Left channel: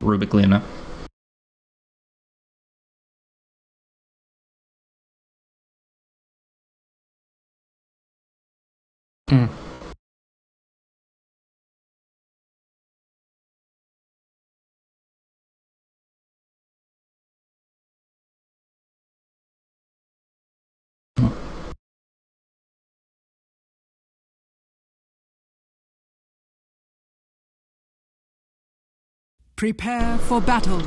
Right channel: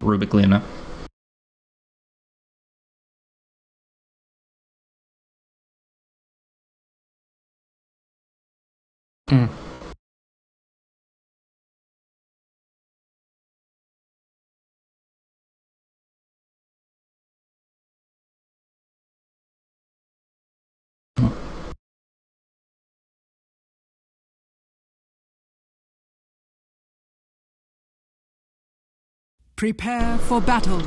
Rubik Luna. Mm. Prepare for battle.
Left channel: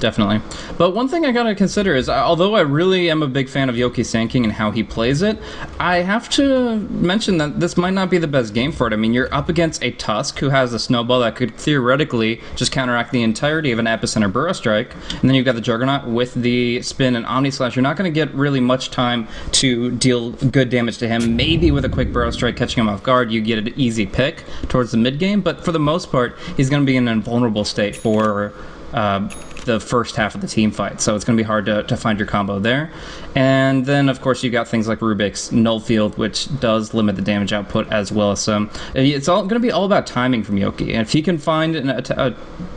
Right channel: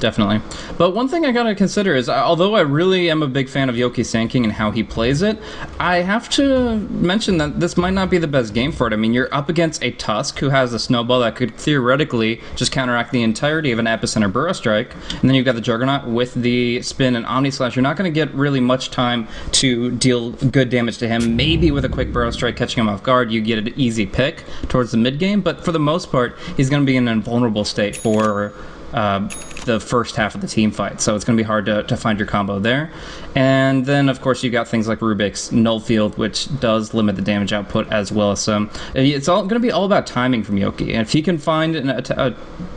Definitely. But one thing I gotta consider is, although I really am a big fan of Yoki Sand King and how he plays it, I have to mention that this might not be the best game for it. I mean, you're up against a Tusk who has a Snowball that could theoretically just counteract the entirety of an Epicenter Burrow Strike, and then you've got the Juggernaut with the Spin and Omni Slash. You're not going to get really much time to deal good damage to him. Maybe with a quick Burrow Strike catching him off guard, you get an easy pick towards the mid game, but for the most part, he's going to be in an invulnerable state for the first half of the team fight, so it's going to be hard to find your combo there. And then, of course, you got things like Rubik's Null Field, which does limit the damage output as well. So it's all going to be all about timing from Yoki. And if he can find an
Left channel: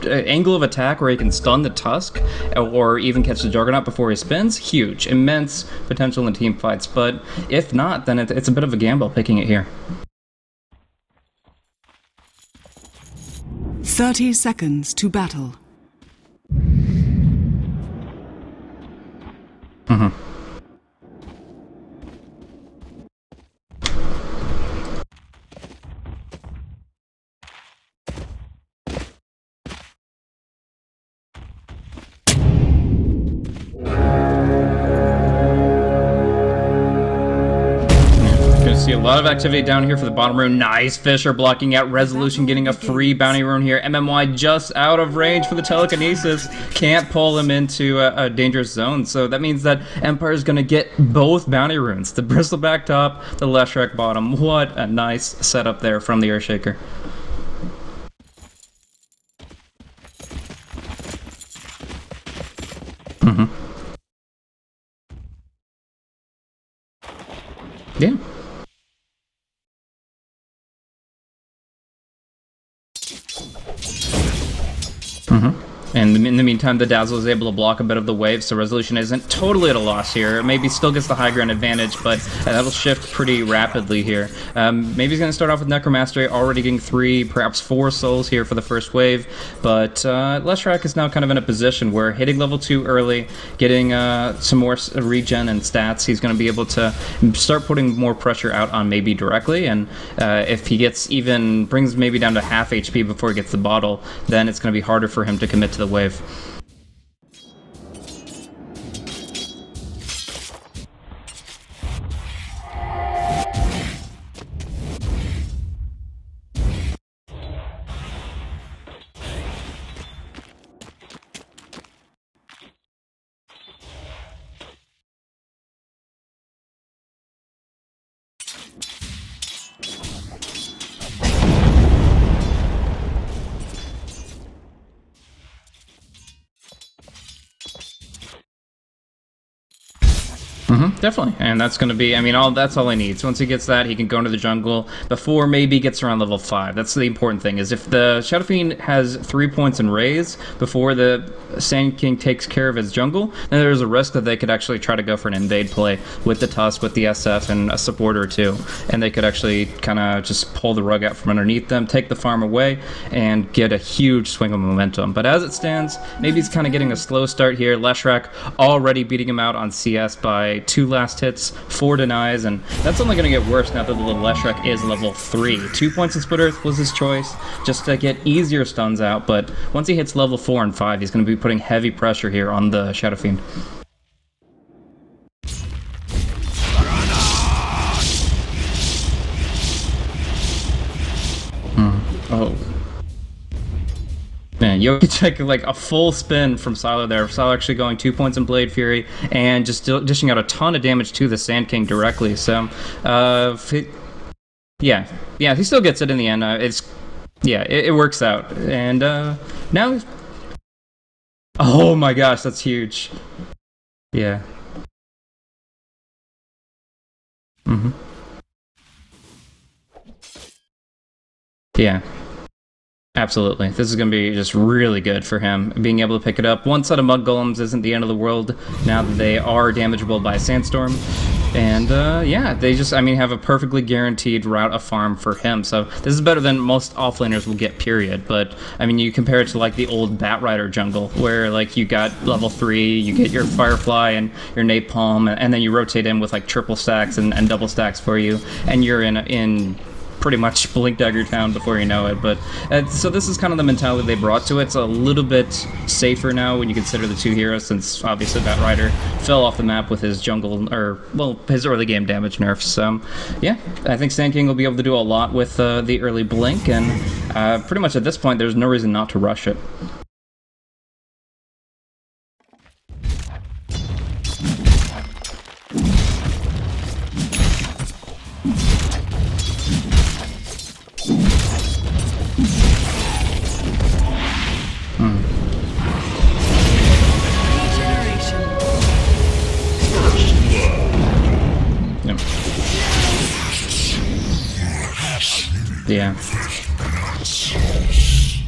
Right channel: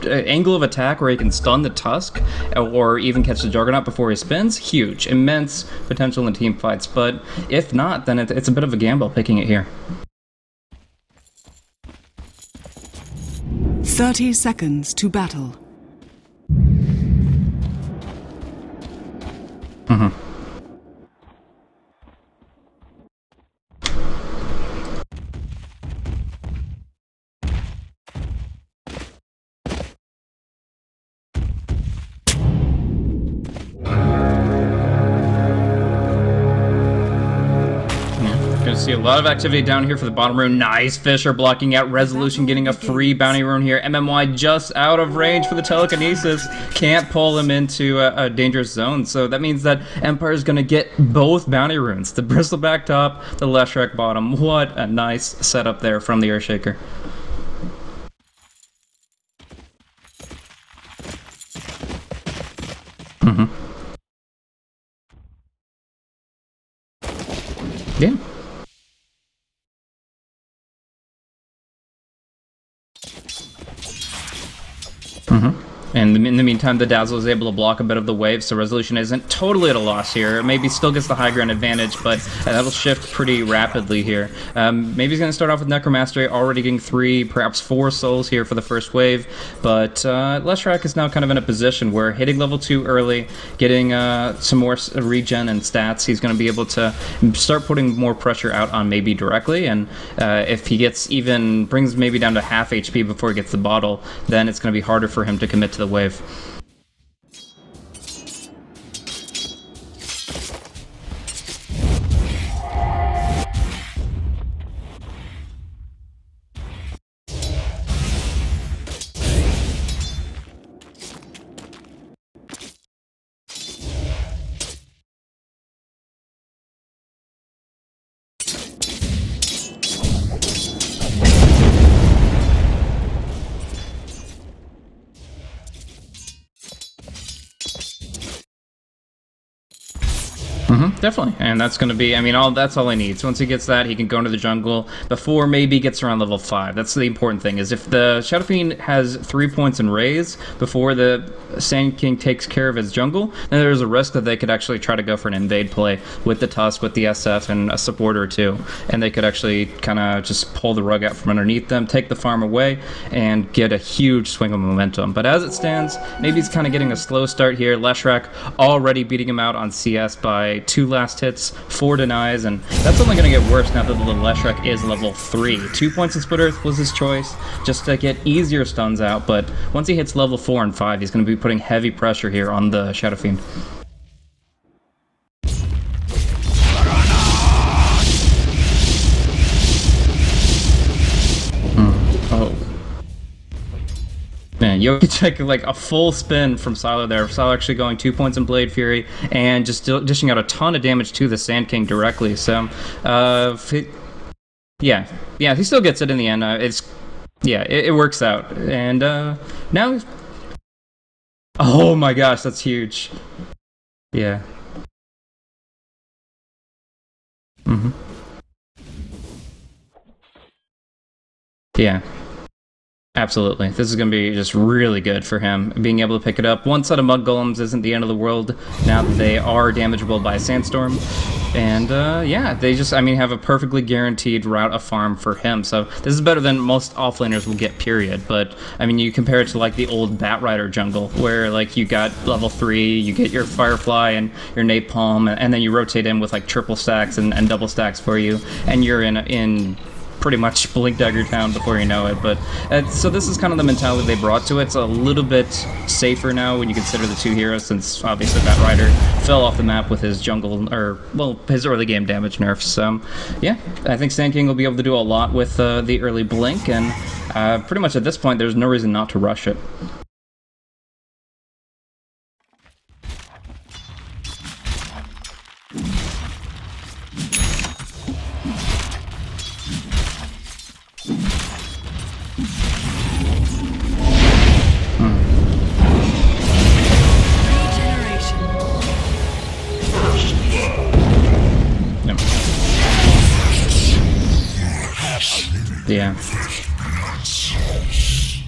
angle of attack where he can stun the Tusk or even catch the Juggernaut before he spins, huge, immense potential in team fights. But if not, then it's a bit of a gamble picking it here. 30 seconds to battle. Mm-hmm. Gonna see a lot of activity down here for the bottom rune. Nice. Fisher blocking out Resolution, getting a free bounty rune here. MMY just out of range for the telekinesis. Can't pull him into a dangerous zone. So that means that Empire's gonna get both bounty runes. The Bristleback top, the Leshrac bottom. What a nice setup there from the Earthshaker. Mm-hmm. Yeah. Mm-hmm. And in the meantime, the Dazzle is able to block a bit of the wave, so Resolution isn't totally at a loss here. Maybe still gets the high ground advantage, but that'll shift pretty rapidly here. Maybe he's going to start off with Necromastery, already getting 3, perhaps 4 souls here for the first wave, but Leshrac is now kind of in a position where hitting level 2 early, getting some more regen and stats, he's going to be able to start putting more pressure out on maybe directly, and if he brings maybe down to half HP before he gets the bottle, then it's going to be harder for him to commit to the wave. Definitely, and that's going to be, I mean, that's all he needs. Once he gets that, he can go into the jungle before maybe he gets around level 5. That's the important thing, is if the Shadow Fiend has 3 points in raise before the Sand King takes care of his jungle, then there's a risk that they could actually try to go for an invade play with the Tusk, with the SF, and a supporter or two, and they could actually kind of just pull the rug out from underneath them, take the farm away, and get a huge swing of momentum. But as it stands, maybe he's kind of getting a slow start here. Leshrac already beating him out on CS by 2 last hits, 4 denies, and that's only going to get worse now that the Leshrac is level 3. 2 points in Split Earth was his choice, just to get easier stuns out, but once he hits level 4 and 5, he's going to be putting heavy pressure here on the Shadow Fiend. Oh. Man, Yoki took like a full spin from Silo there. Silo actually going 2 points in Blade Fury and just dishing out a ton of damage to the Sand King directly. So, yeah, he still gets it in the end. It works out. And now, oh my gosh, that's huge. Yeah. Yeah. Absolutely. This is going to be just really good for him. Being able to pick it up. One set of Mud Golems isn't the end of the world now that they are damageable by Sandstorm. And, yeah, they just, I mean, have a perfectly guaranteed route of farm for him. So this is better than most offlaners will get, period. But, I mean, you compare it to, like, the old Batrider jungle, where, like, you got level 3, you get your Firefly and your Napalm, and then you rotate in with, like, triple stacks and double stacks for you, and you're in pretty much Blink Dagger Town before you know it. But so this is kind of the mentality they brought to it. It's a little bit safer now when you consider the two heroes, since obviously Batrider fell off the map with his jungle, or, well, his early game damage nerfs. So, yeah, I think Sand King will be able to do a lot with the early Blink, and pretty much at this point, there's no reason not to rush it. Yeah.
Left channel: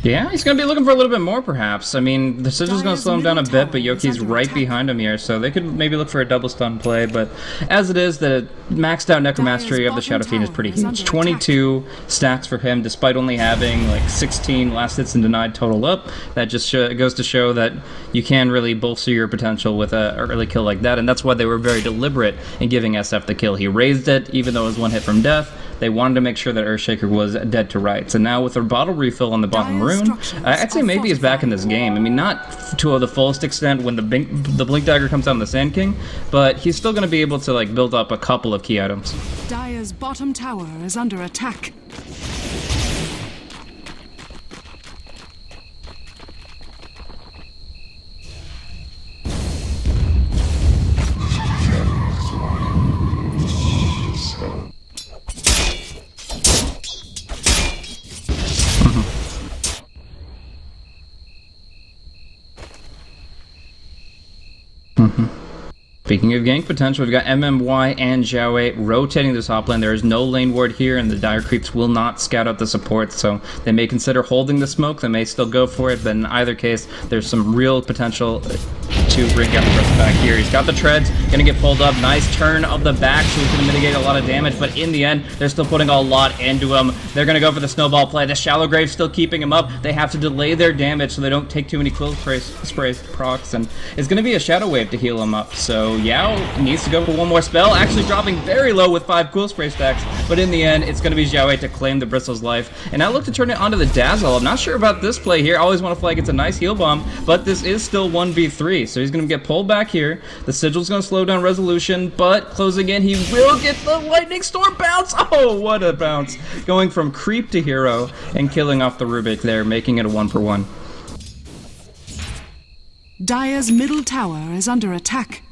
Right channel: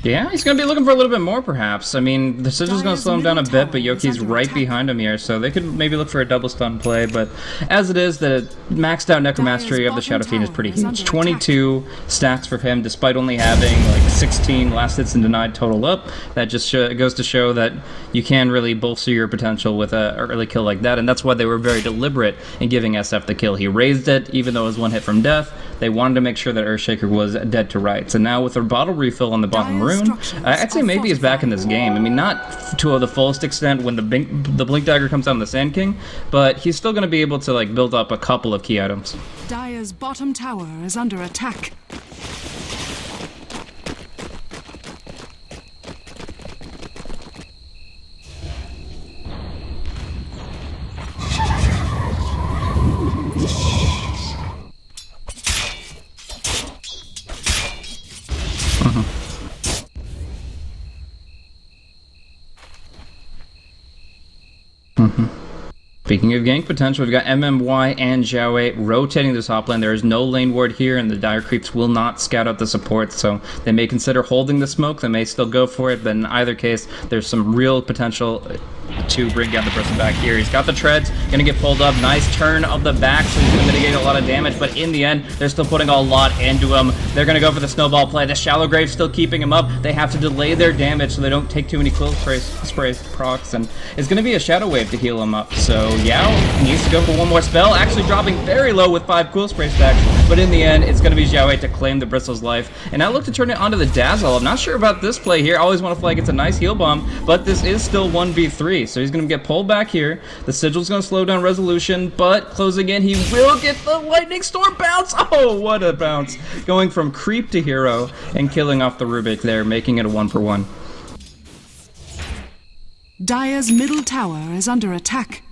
Yeah, he's going to be looking for a little bit more, perhaps. I mean, the Sigil's going to slow him down a bit, but Yoki's right behind him here, so they could maybe look for a double stun play. But as it is, the maxed out Necromastery of the Shadow Fiend is pretty huge. 22 stats for him, despite only having like 16 last hits and denied total up. That just goes to show that you can really bolster your potential with an early kill like that, and that's why they were very deliberate in giving SF the kill. He raised it, even though it was one hit from death. They wanted to make sure that Earthshaker was dead to rights. And now with a bottle refill on the bottom rune, I'd say maybe he's back in this game. I mean, not to the fullest extent when the Blink Dagger comes out on the Sand King, but he's still going to be able to like build up a couple of key items. Dire's bottom tower is under attack. Speaking of gank potential, we've got MMY and Xiaowei rotating the top lane. There is no lane ward here, and the Dire Creeps will not scout out the support, so they may consider holding the smoke. They may still go for it, but in either case, there's some real potential to bring down the person back here. He's got the treads, gonna get pulled up. Nice turn of the back, so he's gonna mitigate a lot of damage, but in the end, they're still putting a lot into him. They're gonna go for the snowball play. The Shallow Grave's still keeping him up. They have to delay their damage so they don't take too many quill sprays procs, and it's gonna be a Shadow Wave to heal him up. So Yao needs to go for one more spell, actually dropping very low with 5 cool spray stacks, but in the end, it's gonna be Xiaowei to claim the Bristle's life. And now look to turn it onto the Dazzle. I'm not sure about this play here. I always want to flag it's a nice heal bomb, but this is still 1v3, so he's gonna get pulled back here. The Sigil's going to slow down Resolution, but closing in, he will get the Lightning Storm bounce! Oh, what a bounce! Going from creep to hero and killing off the Rubik there, making it a 1-for-1. Dire's middle tower is under attack.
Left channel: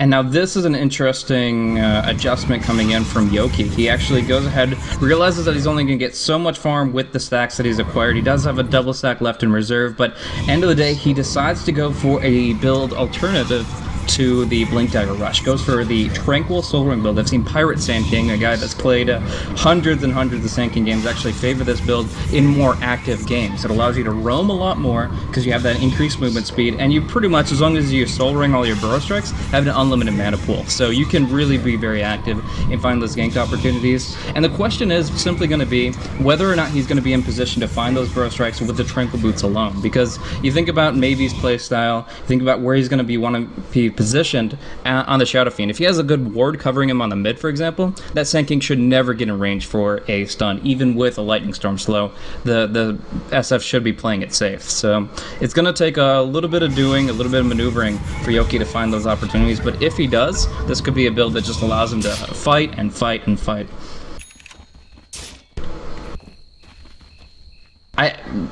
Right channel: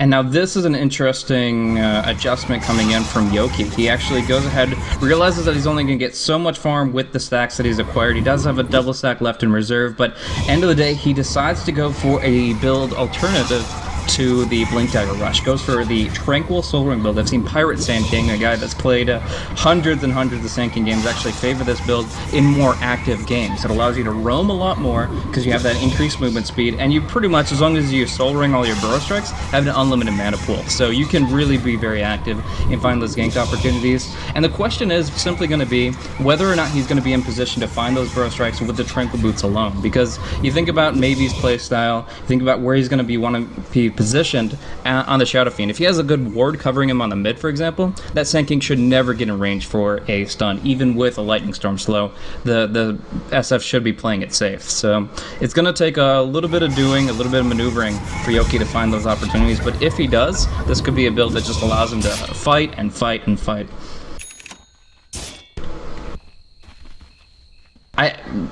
And now this is an interesting adjustment coming in from Yoki. He actually goes ahead, realizes that he's only going to get so much farm with the stacks that he's acquired. He does have a double stack left in reserve, but end of the day, he decides to go for a build alternative to the Blink Dagger Rush. Goes for the Tranquil Soul Ring build. I've seen Pirate Sand King, a guy that's played hundreds and hundreds of Sand King games, actually favor this build in more active games. It allows you to roam a lot more because you have that increased movement speed, and you pretty much, as long as you Soul Ring all your Burrow Strikes, have an unlimited mana pool. So you can really be very active and find those ganked opportunities. And the question is simply going to be whether or not he's going to be in position to find those Burrow Strikes with the Tranquil Boots alone. Because you think about Maybe's playstyle, you think about where he's going to be positioned on the Shadow Fiend. If he has a good ward covering him on the mid, for example, that Sand King should never get in range for a stun, even with a Lightning Storm slow. The SF should be playing it safe. So it's going to take a little bit of doing, a little bit of maneuvering for Yoki to find those opportunities, but if he does, this could be a build that just allows him to fight and fight and fight.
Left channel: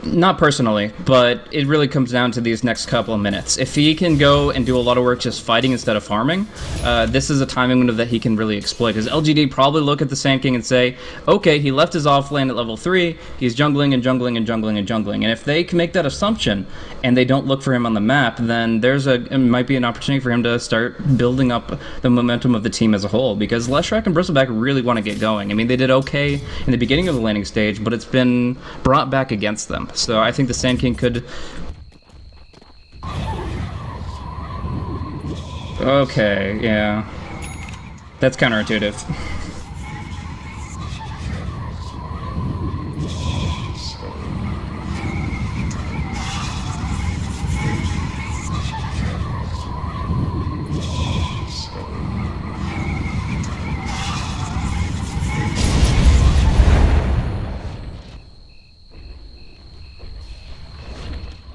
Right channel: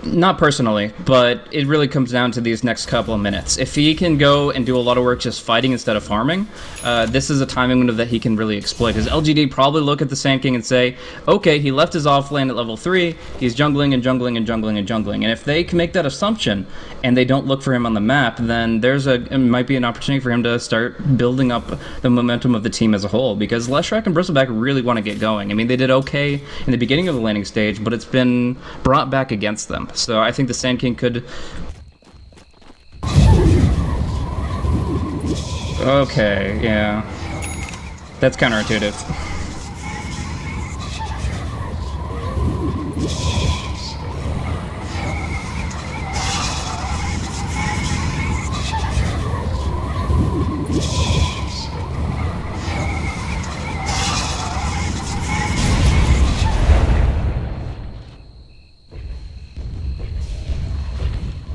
Not personally, but it really comes down to these next couple of minutes. If he can go and do a lot of work just fighting instead of farming, this is a timing window that he can really exploit. Because LGD probably look at the Sand King and say, okay, he left his off lane at level 3, he's jungling and jungling and jungling and jungling. And if they can make that assumption and they don't look for him on the map, then it might be an opportunity for him to start building up the momentum of the team as a whole. Because Leshrac and Bristleback really want to get going. I mean, they did okay in the beginning of the laning stage, but it's been brought back against them. So I think the Sand King could... Okay, yeah. That's counterintuitive.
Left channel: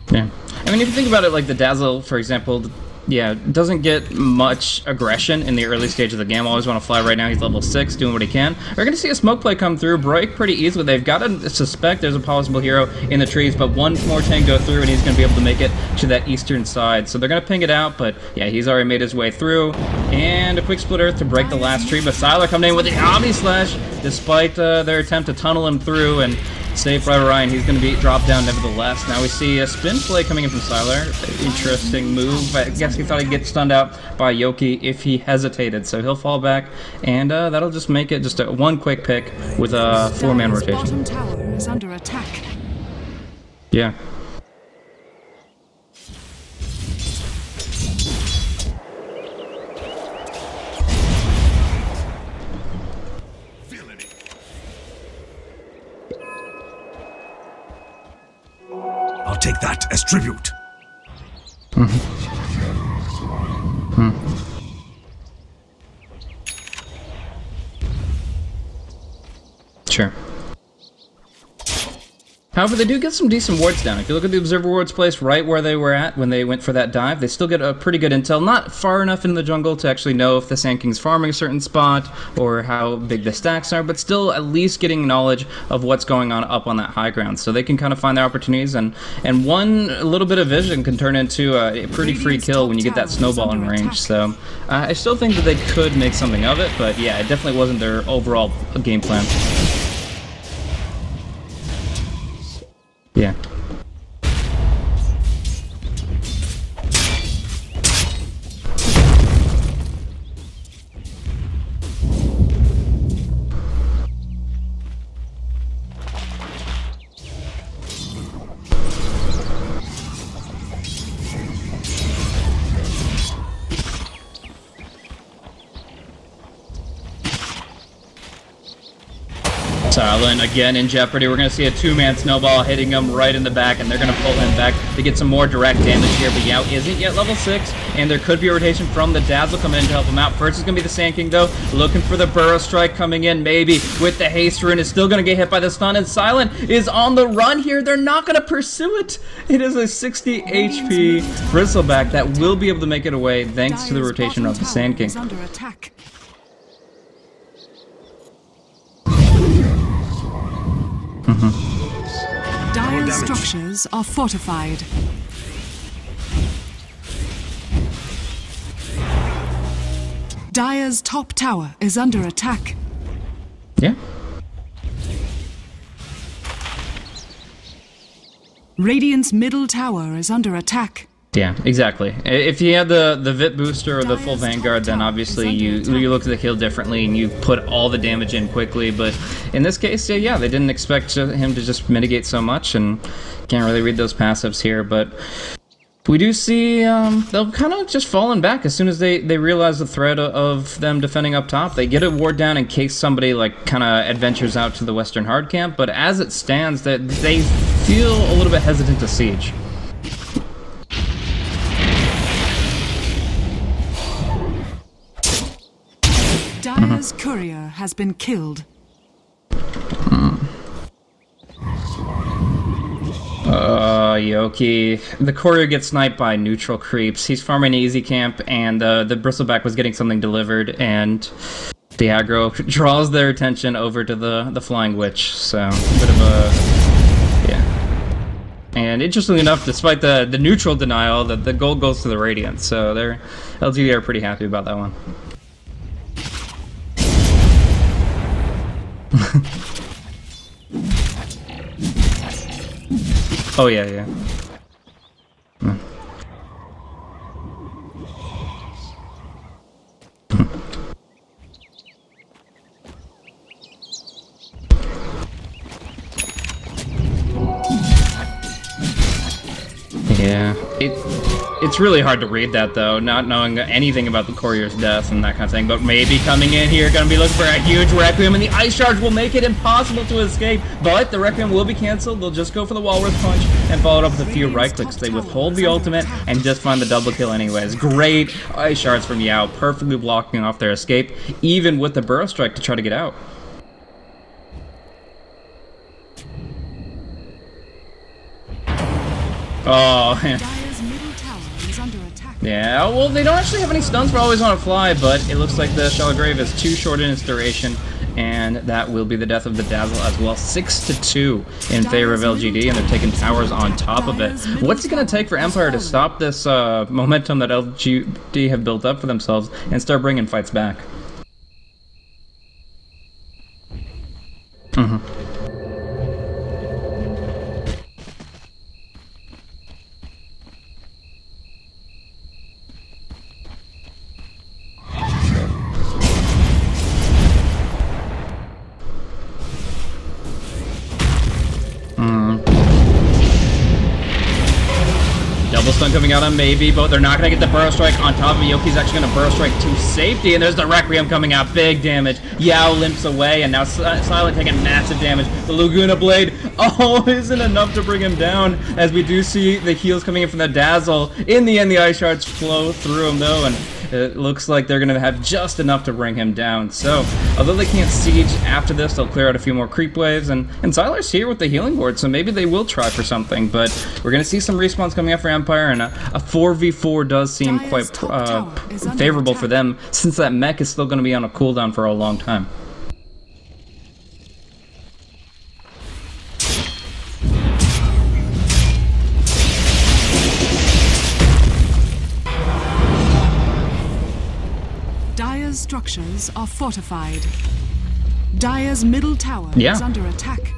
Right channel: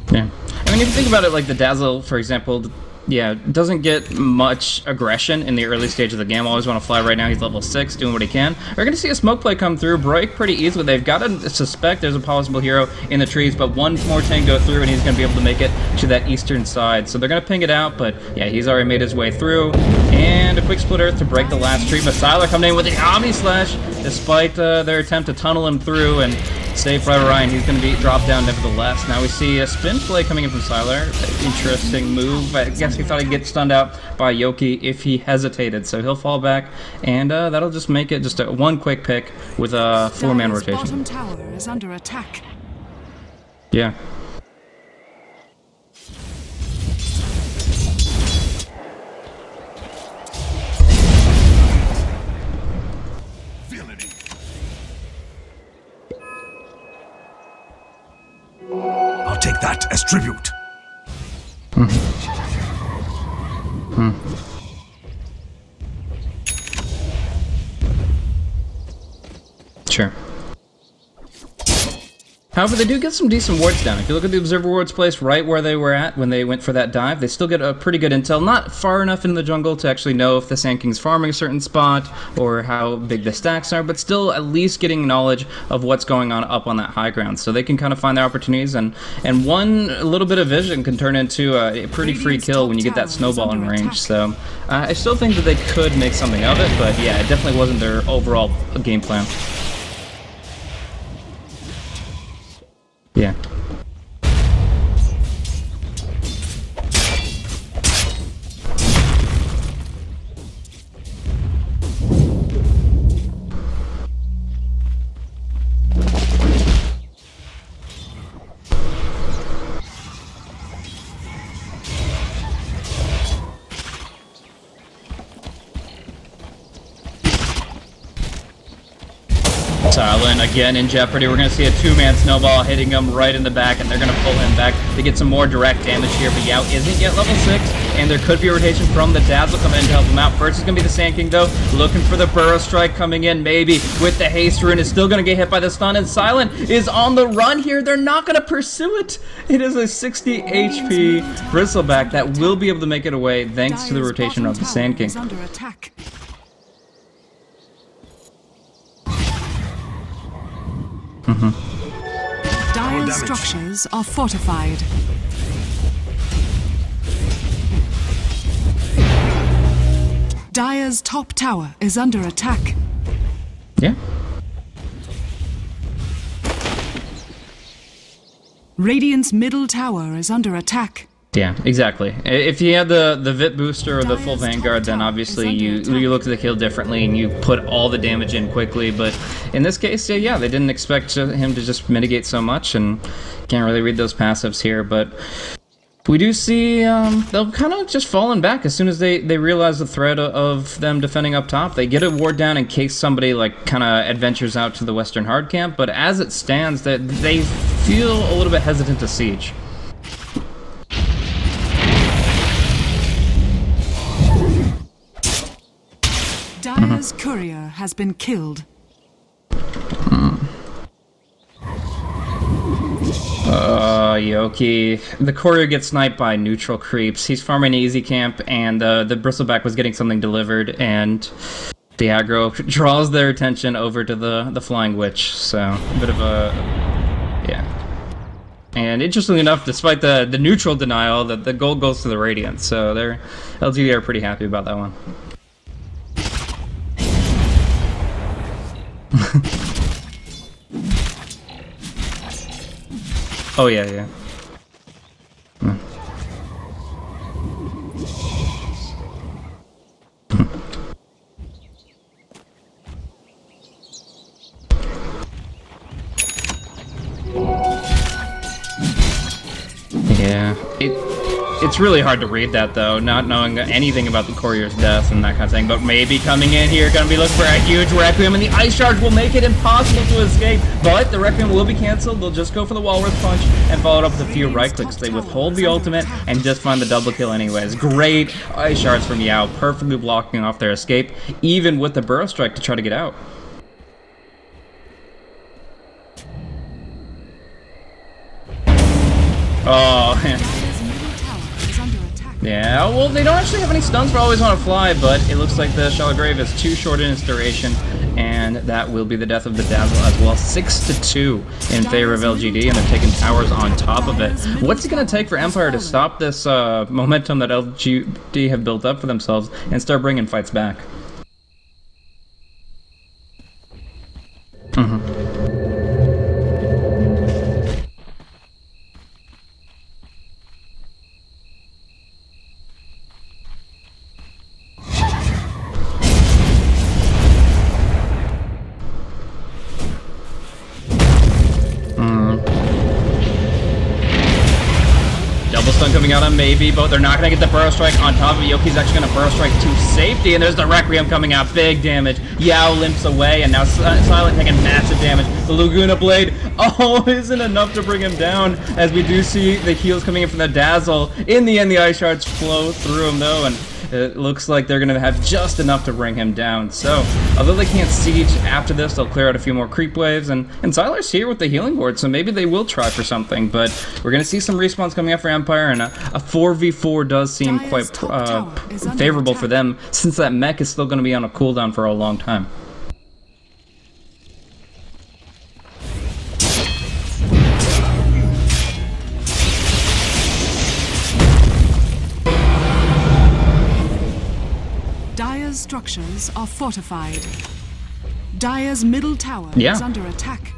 Yeah. I mean, if you think about it, like the Dazzle, for example, yeah, doesn't get much aggression in the early stage of the game. Always want to fly right now. He's level 6, doing what he can. We're going to see a smoke play come through, break pretty easily. They've got to suspect there's a possible hero in the trees, but one more tank go through, and he's going to be able to make it to that eastern side. So they're going to ping it out, but yeah, he's already made his way through. And a quick split earth to break the last tree, but Sylar coming in with the Omni Slash, despite their attempt to tunnel him through, and save for Ryan. He's going to be dropped down nevertheless. Now we see a spin play coming in from Sylar. Interesting move. I guess he thought he'd get stunned out by Yoki if he hesitated. So he'll fall back, and that'll just make it just one quick pick with a 4-man rotation. Bottom tower is under attack. Yeah. I'll take that as tribute. Sure. However, they do get some decent wards down. If you look at the observer wards placed right where they were at when they went for that dive, they still get a pretty good intel. Not far enough in the jungle to actually know if the Sand King's farming a certain spot or how big the stacks are, but still at least getting knowledge of what's going on up on that high ground. So they can kind of find their opportunities, and one little bit of vision can turn into a pretty free kill when you get that snowball in range. So I still think that they could make something of it, but yeah, it definitely wasn't their overall game plan. Yeah. Silent again in jeopardy. We're going to see a 2-man snowball hitting him right in the back, and they're going to pull him back to get some more direct damage here. But Yao isn't yet level 6, and there could be a rotation from the Dazzle coming in to help him out. First is going to be the Sand King, though, looking for the Burrow Strike coming in, maybe with the Haste Rune. Is still going to get hit by the stun, and Silent is on the run here. They're not going to pursue it. It is a 60 HP Bristleback that will be able to make it away thanks to the rotation of the Sand King. Under attack. Dire's structures are fortified. Dire's top tower is under attack. Yeah. Radiant's middle tower is under attack. Yeah, exactly. If you had the VIP booster or the full Vanguard, then obviously you look at the kill differently and you put all the damage in quickly. But in this case, yeah, they didn't expect him to just mitigate so much, and can't really read those passives here. But we do see they'll kind of just falling back as soon as they realize the threat of them defending up top. They get a ward down in case somebody like kind of adventures out to the Western hard camp. But as it stands, that they feel a little bit hesitant to siege. Dire's courier has been killed. Yoki. The courier gets sniped by neutral creeps. He's farming an easy camp, and the bristleback was getting something delivered, and the aggro draws their attention over to the flying witch. So, a bit of a... yeah. And interestingly enough, despite the neutral denial, the gold goes to the Radiant. So, they're LGD are pretty happy about that one. Oh, yeah. Yeah, it's really hard to read that, though, not knowing anything about the courier's death and that kind of thing, but maybe coming in here, gonna be looking for a huge Requiem, and the Ice Charge will make it impossible to escape, but the Requiem will be cancelled. They'll just go for the Walrus Punch and follow it up with a few right clicks. They withhold the ultimate and just find the double kill anyways. Great Ice Shards from Yao, perfectly blocking off their escape, even with the Burrow Strike to try to get out. Oh, yeah, well, they don't actually have any stuns for Always Wanna Fly, but it looks like the Shallow Grave is too short in its duration, and that will be the death of the Dazzle as well. 6-2 in favor of LGD, and they're taking towers on top of it. What's it going to take for Empire to stop this momentum that LGD have built up for themselves and start bringing fights back? Double stun coming out on Maybe, but they're not going to get the Burrow Strike on top of it. Yoki's actually going to Burrow Strike to safety, and there's the Requiem coming out. Big damage. Yao limps away, and now Silent taking massive damage. The Laguna Blade, isn't enough to bring him down, as we do see the heals coming in from the Dazzle. In the end, the Ice Shards flow through him, though, and it looks like they're going to have just enough to bring him down. So, although they can't siege after this, they'll clear out a few more creep waves, and Siler's here with the healing board, so maybe they will try for something, but we're going to see some respawns coming out for Empire, and a 4v4 does seem quite favorable for them, since that mech is still going to be on a cooldown for a long time. Dire's structures are fortified. Dire's middle tower is under attack.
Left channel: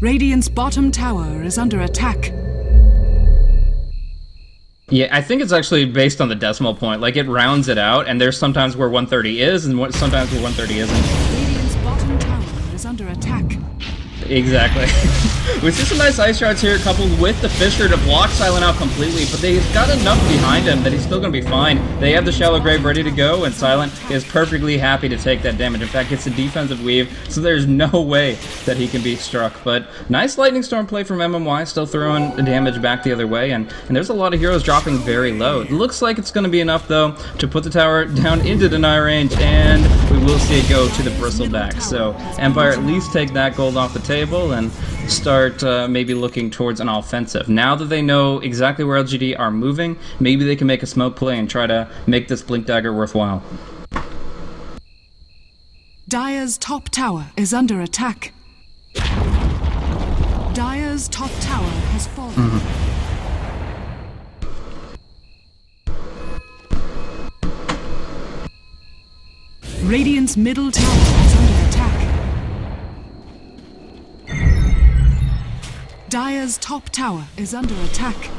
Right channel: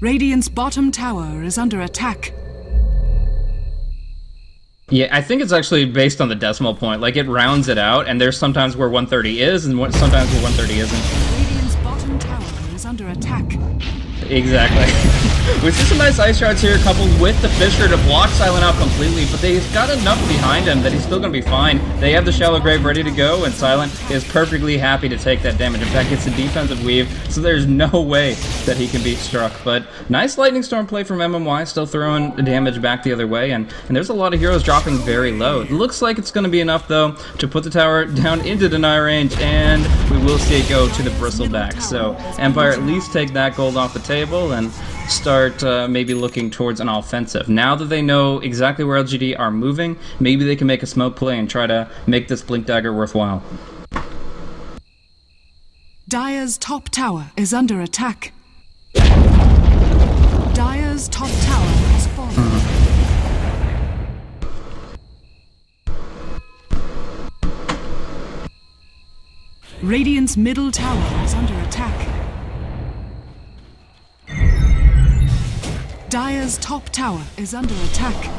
Radiant's bottom tower is under attack. Yeah, I think it's actually based on the decimal point. Like, it rounds it out, and there's sometimes where 130 is, and sometimes where 130 isn't. Radiant's bottom tower is under attack. Exactly. We see some nice Ice Shards here, coupled with the Fissure to block Silent out completely, but they've got enough behind him that he's still going to be fine. They have the Shallow Grave ready to go, and Silent is perfectly happy to take that damage. In fact, it's a defensive weave, so there's no way that he can be struck. But nice Lightning Storm play from MMY, still throwing the damage back the other way, and there's a lot of heroes dropping very low. It looks like it's going to be enough, though, to put the tower down into deny range, and we will see it go to the Bristleback. So Empire at least take that gold off the table and start maybe looking towards an offensive. Now that they know exactly where LGD are moving, maybe they can make a smoke play and try to make this Blink Dagger worthwhile. Dire's top tower is under attack. Dire's top tower has fallen. Radiant's middle tower is under attack. Dire's top tower is under attack.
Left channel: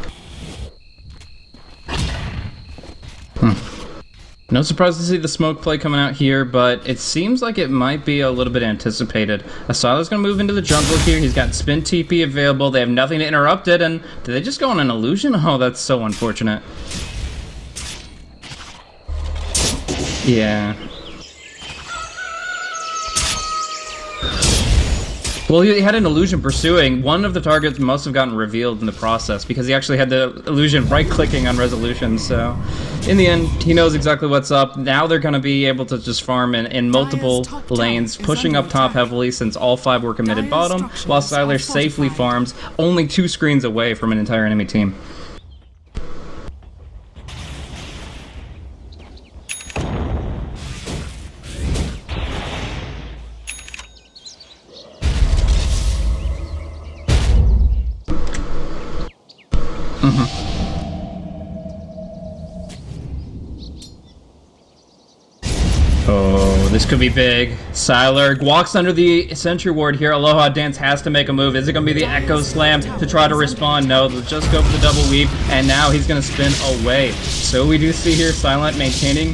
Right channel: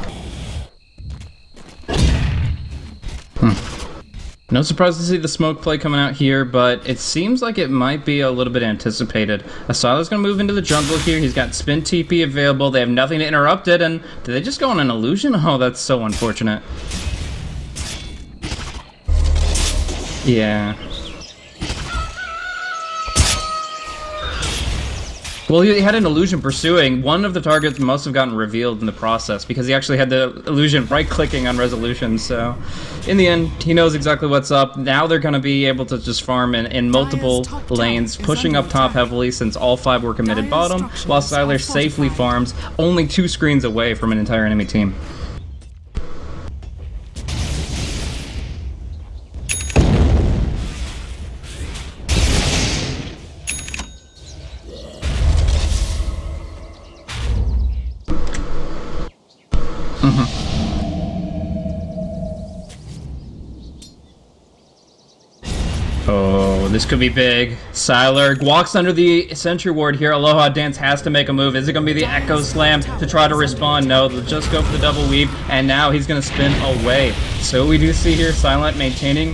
No surprise to see the smoke play coming out here, but it seems like it might be a little bit anticipated. Asila's going to move into the jungle here. He's got Spin TP available. They have nothing to interrupt it, and did they just go on an illusion? Oh, that's so unfortunate. Yeah. Well, he had an illusion pursuing. One of the targets must have gotten revealed in the process because he actually had the illusion right-clicking on resolution. So, in the end, he knows exactly what's up. Now they're going to be able to just farm in multiple lanes, pushing up top heavily since all 5 were committed bottom, while Sylar safely farms only 2 screens away from an entire enemy team. Oh, this could be big. Sylar walks under the sentry ward here. Aloha Dance has to make a move. Is it going to be the Echo Slam to try to respond? No, they'll just go for the double weave, and now he's going to spin away. So we do see here Silent maintaining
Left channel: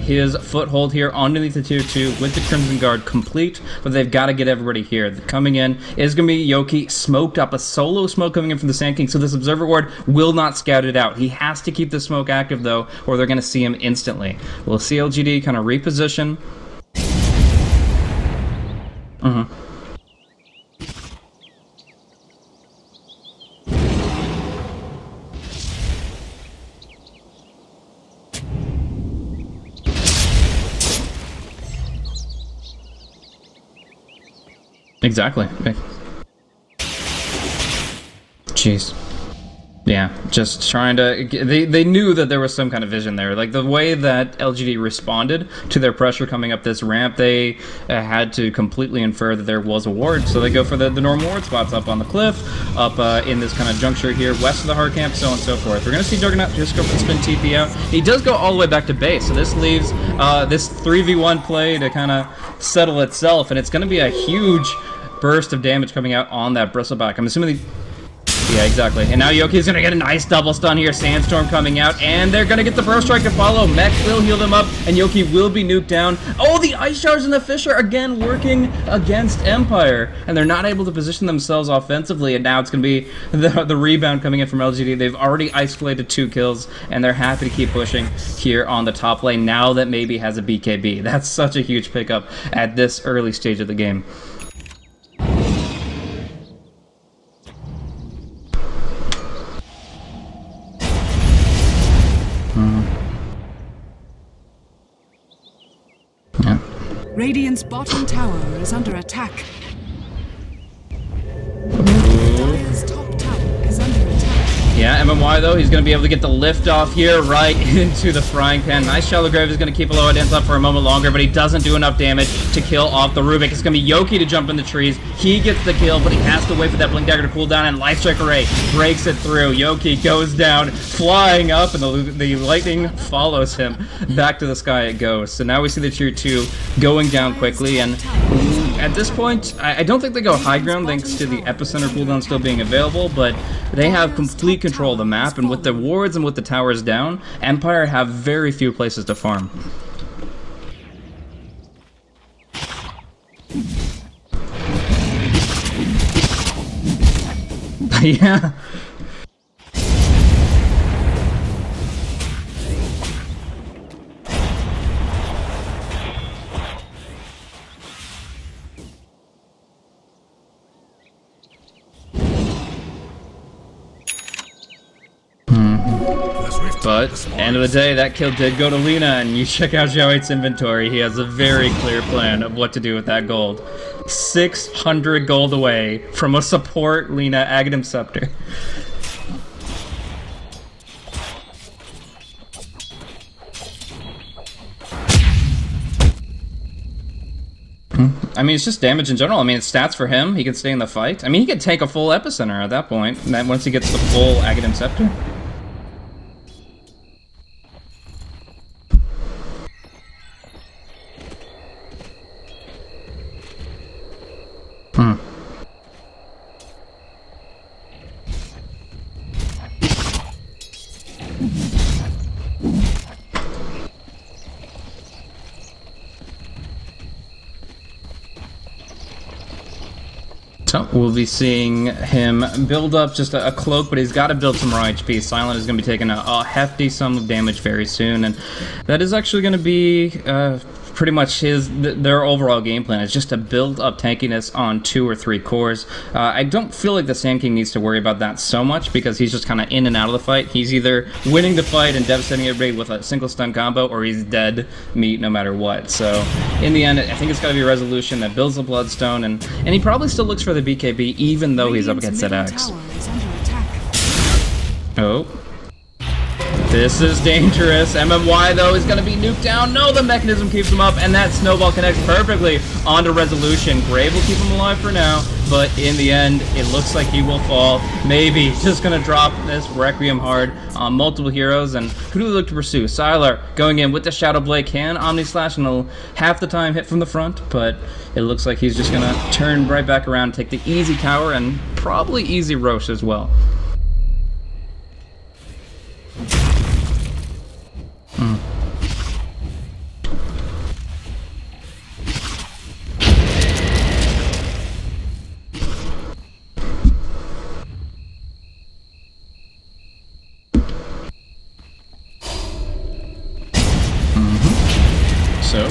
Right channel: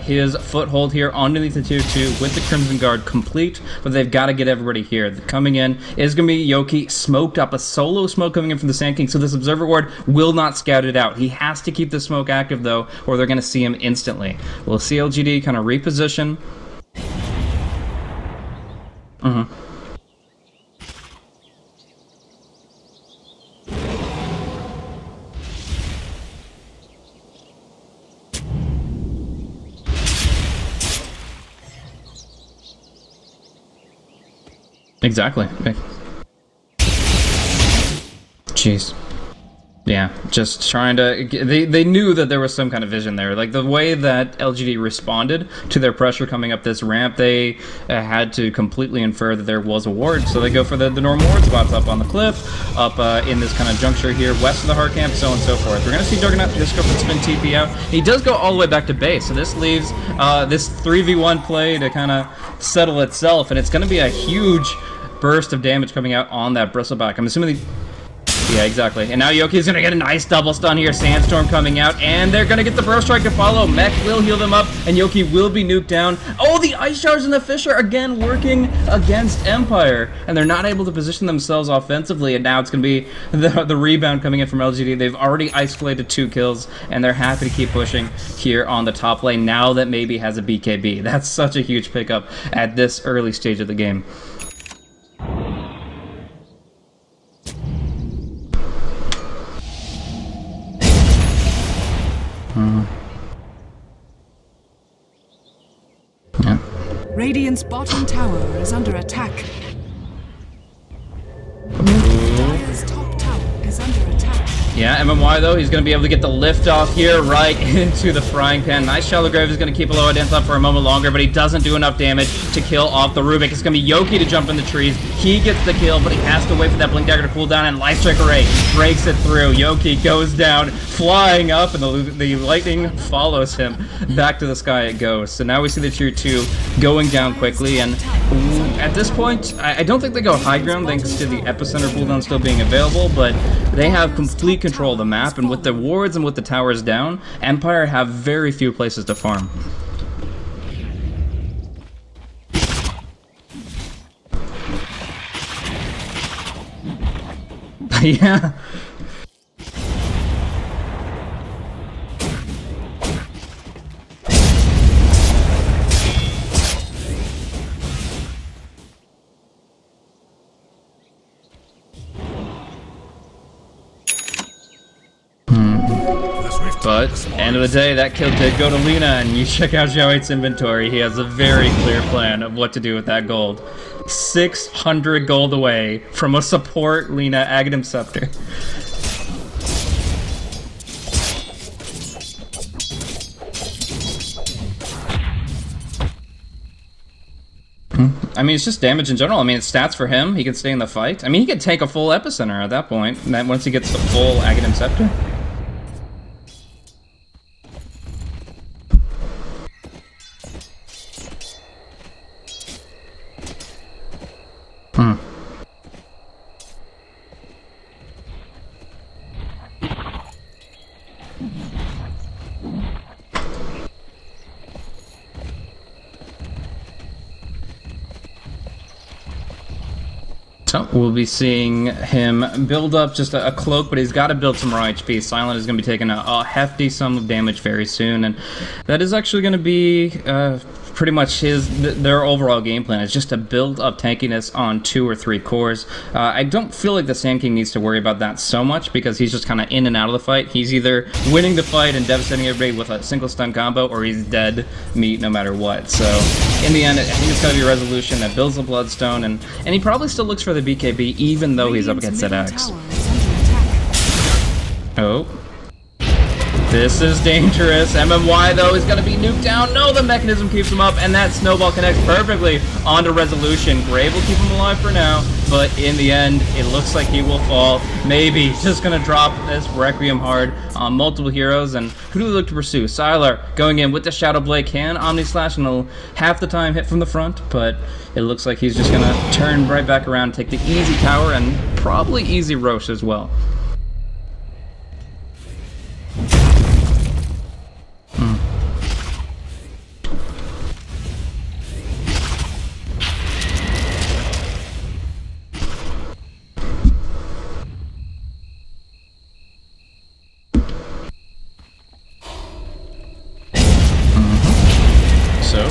his foothold here underneath the tier 2 with the Crimson Guard complete, but they've got to get everybody here. Coming in is going to be Yoki, smoked up, a solo smoke coming in from the Sand King, so this Observer Ward will not scout it out. He has to keep the smoke active, though, or they're going to see him instantly. We'll see LGD kind of reposition. Exactly. Okay. Jeez. Yeah, just trying to... They knew that there was some kind of vision there. Like, the way that LGD responded to their pressure coming up this ramp, they had to completely infer that there was a ward, so they go for the normal ward spots up on the cliff, up in this kind of juncture here, west of the hard camp, so on and so forth. We're going to see Juggernaut just go for the spin TP out. He does go all the way back to base, so this leaves this 3v1 play to kind of settle itself, and it's going to be a huge burst of damage coming out on that bristleback. I'm assuming yeah, exactly. And now Yoki's gonna get a nice double stun here. Sandstorm coming out, and they're gonna get the Burst Strike to follow. Mech will heal them up, and Yoki will be nuked down. Oh, the Ice Showers and the Fisher again working against Empire, and they're not able to position themselves offensively, and now it's gonna be the rebound coming in from LGD. They've already isolated 2 kills, and they're happy to keep pushing here on the top lane now that maybe has a BKB. That's such a huge pickup at this early stage of the game. Yeah. Radiant's bottom tower is under attack. Dire's top tower is under attack. Yeah, MMY though, he's going to be able to get the lift off here right into the frying pan. Nice Shallow Grave is going to keep Aloha Dance up for a moment longer, but he doesn't do enough damage to kill off the Rubik. It's going to be Yoki to jump in the trees. He gets the kill, but he has to wait for that Blink Dagger to cool down, and Life Strike Array breaks it through. Yoki goes down, flying up, and the lightning follows him. Back to the sky it goes. So now we see the tier 2 going down quickly, and at this point, I don't think they go high ground thanks to the epicenter cooldown still being available, but they have complete control of the map, and with the wards and with the towers down, Empire have very few places to farm. Yeah. But, end of the day, that kill did go to Lina, and you check out Xiao8's inventory, he has a very clear plan of what to do with that gold. 600 gold away from a support Lina Aghanim Scepter. I mean, it's just damage in general. I mean, it's stats for him. He can stay in the fight. I mean, he could take a full epicenter at that point, once he gets the full Aghanim Scepter. So we'll be seeing him build up just a cloak, but he's got to build some raw HP. Silent is going to be taking a hefty sum of damage very soon, and that is actually going to be pretty much their overall game plan is just to build up tankiness on 2 or 3 cores. I don't feel like the Sand King needs to worry about that so much because he's just kind of in and out of the fight. He's either winning the fight and devastating everybody with a single stun combo, or he's dead meat no matter what. So in the end, I think it's got to be a resolution that builds the Bloodstone, and he probably still looks for the BKB even though he's up against that Axe. Oh. This is dangerous. MMY, though, is going to be nuked down. No, the mechanism keeps him up, and that snowball connects perfectly onto Resolution. Grave will keep him alive for now, but in the end, it looks like he will fall. Maybe just going to drop this Requiem hard on multiple heroes, and who do we look to pursue? Sylar going in with the Shadow Blade, can Omni Slash, and he'll half the time hit from the front, but it looks like he's just going to turn right back around, take the easy tower, and probably easy Rosh as well. So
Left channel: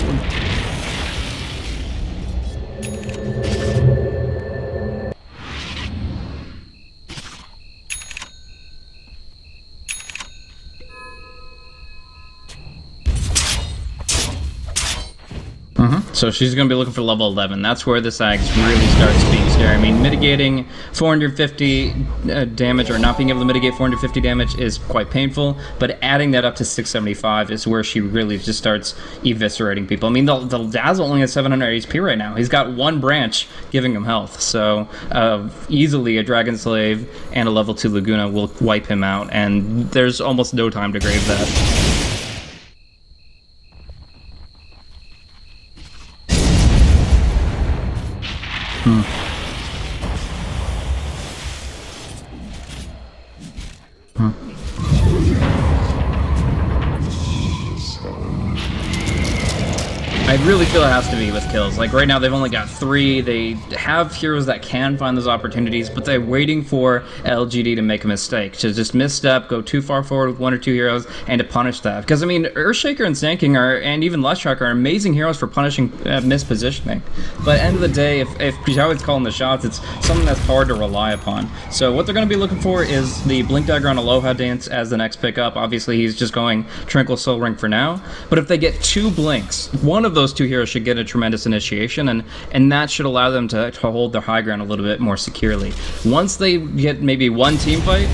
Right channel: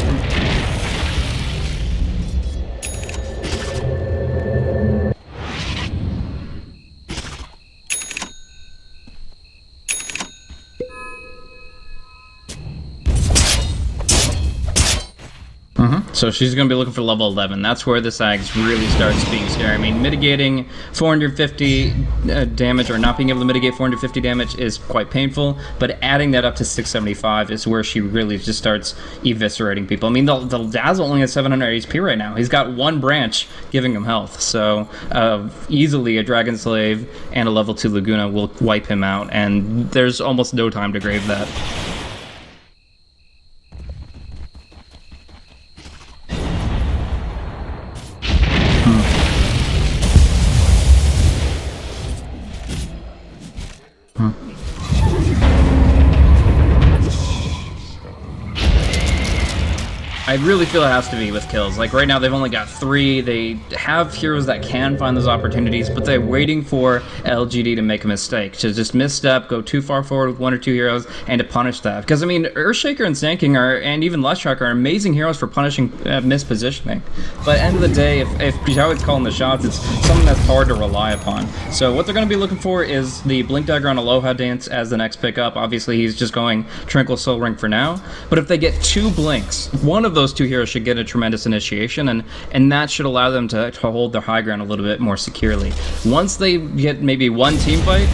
So she's going to be looking for level 11. That's where this Axe really starts being scary. I mean, mitigating 450 damage, or not being able to mitigate 450 damage is quite painful, but adding that up to 675 is where she really just starts eviscerating people. I mean, the Dazzle only has 700 HP right now. He's got 1 branch giving him health, so easily a Dragon Slave and a level 2 Laguna will wipe him out, and there's almost no time to grave that. I really feel it has to be with kills. Like, right now they've only got 3. They have heroes that can find those opportunities, but they're waiting for LGD to make a mistake, to just misstep, go too far forward with 1 or 2 heroes, and to punish that. Because, I mean, Earthshaker and Sand King and even Lushtruck are amazing heroes for punishing mispositioning. But at the end of the day, if Xiao's calling the shots, it's something that's hard to rely upon. So what they're going to be looking for is the Blink Dagger on Aloha Dance as the next pickup. Obviously, he's just going Tranquil Soul Ring for now. But if they get 2 blinks, one of those 2 heroes should get a tremendous initiation, and that should allow them to hold their high ground a little bit more securely. Once they get maybe 1 team fight,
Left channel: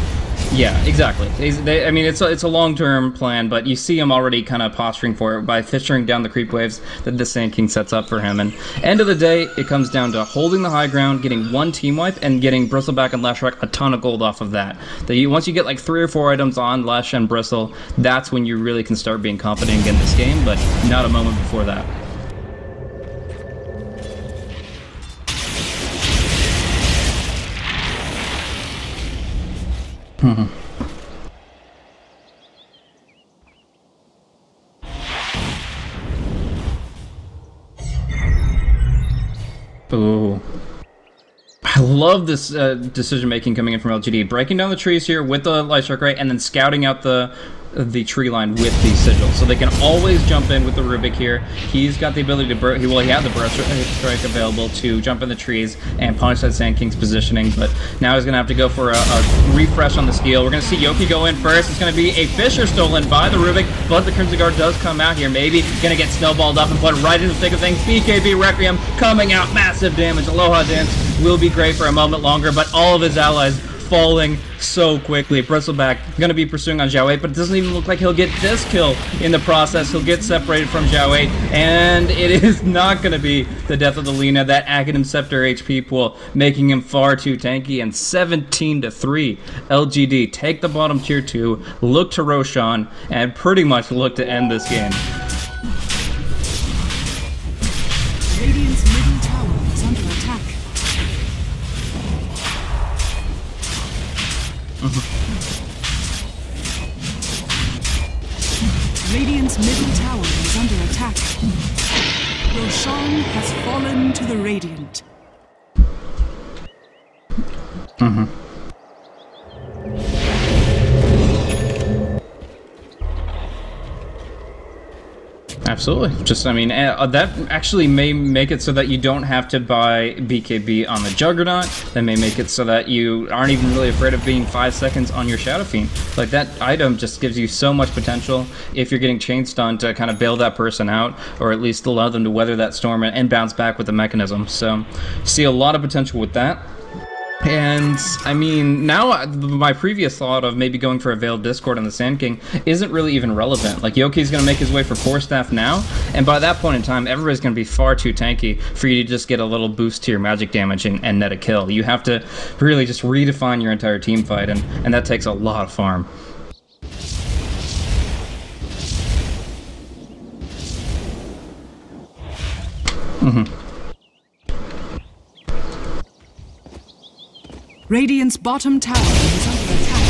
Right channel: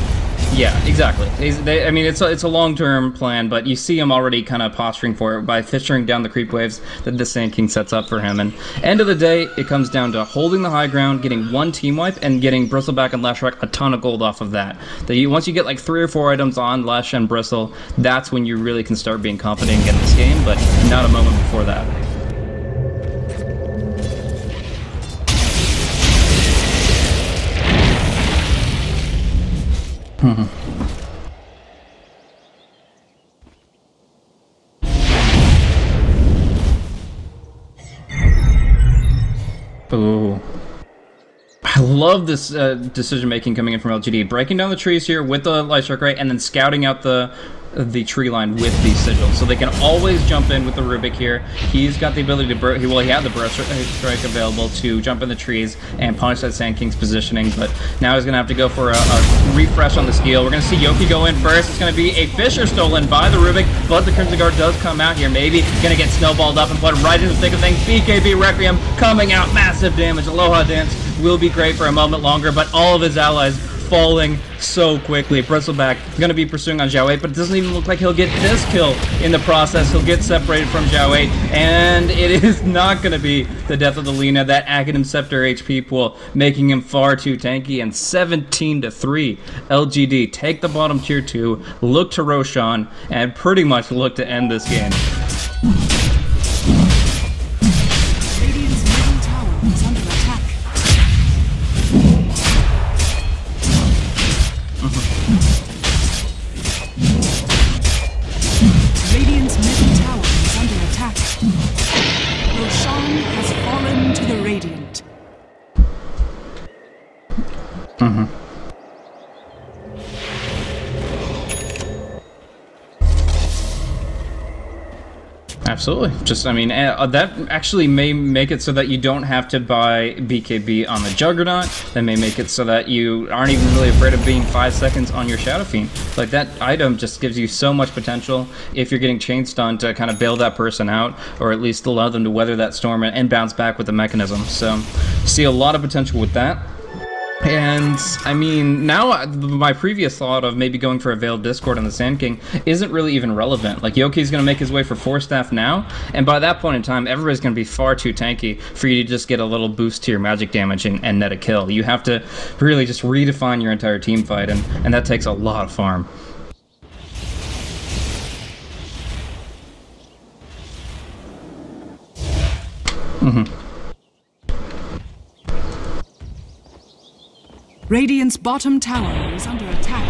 yeah, exactly. I mean, it's a long-term plan, but you see him already kind of posturing for it by fishing down the creep waves that the Sand King sets up for him. And end of the day, it comes down to holding the high ground, getting 1 team wipe, and getting Bristleback and Lushtruck a ton of gold off of that. Once you get like 3 or 4 items on Lush and Bristle, that's when you really can start being confident in this game, but not a moment before that. Ooh. I love this decision making coming in from LGD. Breaking down the trees here with the Light Strike Ray, and then scouting out the tree line with the sigils, so they can always jump in with the Rubik here. He's got the ability to he had the burst strike available to jump in the trees and punish that Sand King's positioning, but now he's gonna have to go for a refresh on the steal. We're gonna see Yoki go in first. It's gonna be a Fissure stolen by the Rubik, but the Crimson Guard does come out here. Maybe gonna get snowballed up and put right in the thick of things. BKB Requiem coming out, massive damage. Aloha Dance will be great for a moment longer, but all of his allies falling so quickly. Bristleback going to be pursuing on Xiao 8, but it doesn't even look like he'll get this kill in the process. He'll get separated from Xiao 8, and it is not going to be the death of the Lina. That Aghanim Scepter HP pool making him far too tanky, and 17-3. LGD take the bottom tier 2, look to Roshan, and pretty much look to end this game. Radiant's middle tower is under attack. Radiant's middle tower is under attack. Roshan has fallen to the Radiant. Absolutely. Just, I mean, that actually may make it so that you don't have to buy BKB on the Juggernaut. That may make it so that you aren't even really afraid of being 5 seconds on your Shadow Fiend. Like, that item just gives you so much potential if you're getting chain stun to kind of bail that person out, or at least allow them to weather that storm and bounce back with the mechanism. So, see a lot of potential with that. And, I mean, now my previous thought of maybe going for a Veiled Discord on the Sand King isn't really even relevant. Like, Yoki's going to make his way for 4 staff now, and by that point in time, everybody's going to be far too tanky for you to just get a little boost to your magic damage and net a kill. You have to really just redefine your entire team fight, and that takes a lot of farm. Radiant's bottom tower is under attack.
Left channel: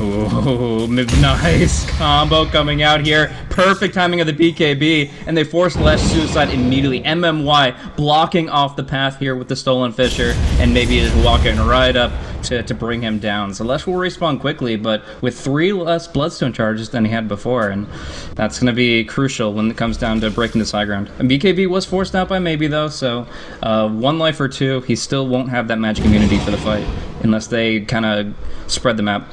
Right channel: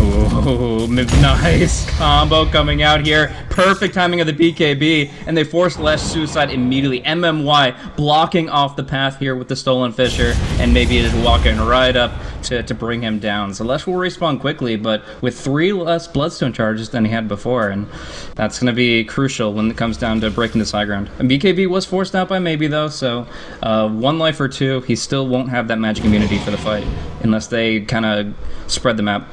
Oh, nice combo coming out here. Perfect timing of the BKB, and they force Lesh Suicide immediately. MMY blocking off the path here with the Stolen Fissure, and maybe just walking right up to bring him down. So Lesh will respawn quickly, but with 3 less Bloodstone charges than he had before, and that's going to be crucial when it comes down to breaking this high ground. And BKB was forced out by Maybe, though, so 1 life or 2, he still won't have that magic immunity for the fight, unless they kind of spread the map.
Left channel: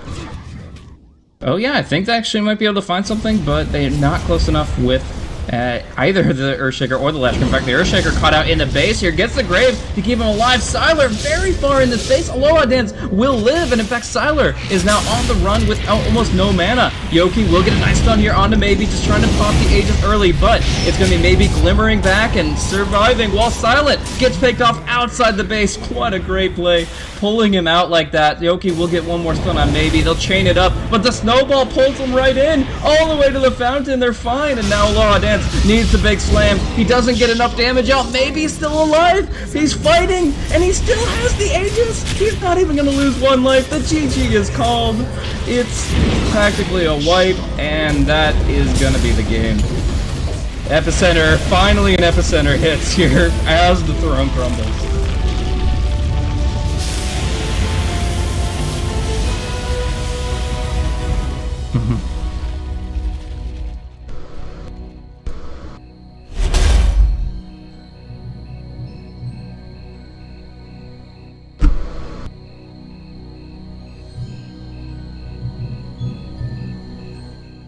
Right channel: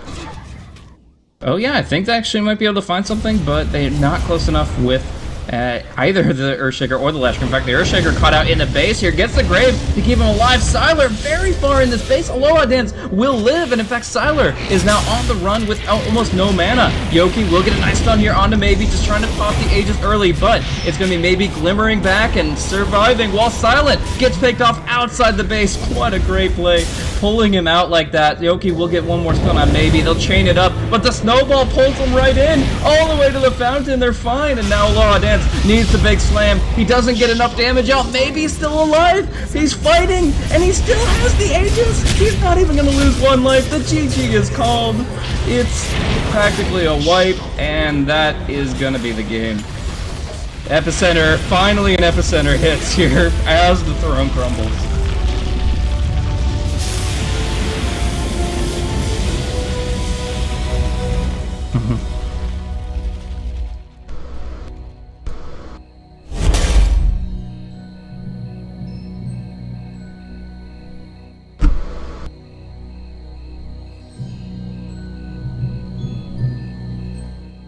Oh yeah, I think they actually might be able to find something, but they're not close enough with either the Earthshaker or the Lashker. In fact, the Earthshaker caught out in the base here, gets the Grave to keep him alive. Sylar very far in this base. Aloha Dance will live, and in fact, Sylar is now on the run with almost no mana. Yoki will get a nice stun here onto Maybe, just trying to pop the Aegis early, but it's going to be Maybe glimmering back and surviving while Silent gets picked off outside the base. What a great play, pulling him out like that. Yoki will get one more stun on Maybe. They'll chain it up, but the snowball pulls him right in, all the way to the fountain. They're fine, and now Aloha Dance needs the big slam. He doesn't get enough damage out. Maybe he's still alive. He's fighting, and he still has the Aegis. He's not even going to lose 1 life. The GG is called. It's practically a wipe, and that is going to be the game. Epicenter, finally an Epicenter hits here as the throne crumbles.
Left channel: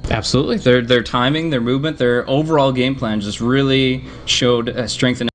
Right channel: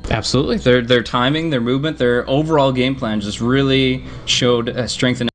Absolutely. Their timing, their movement, their overall game plan just really showed strength and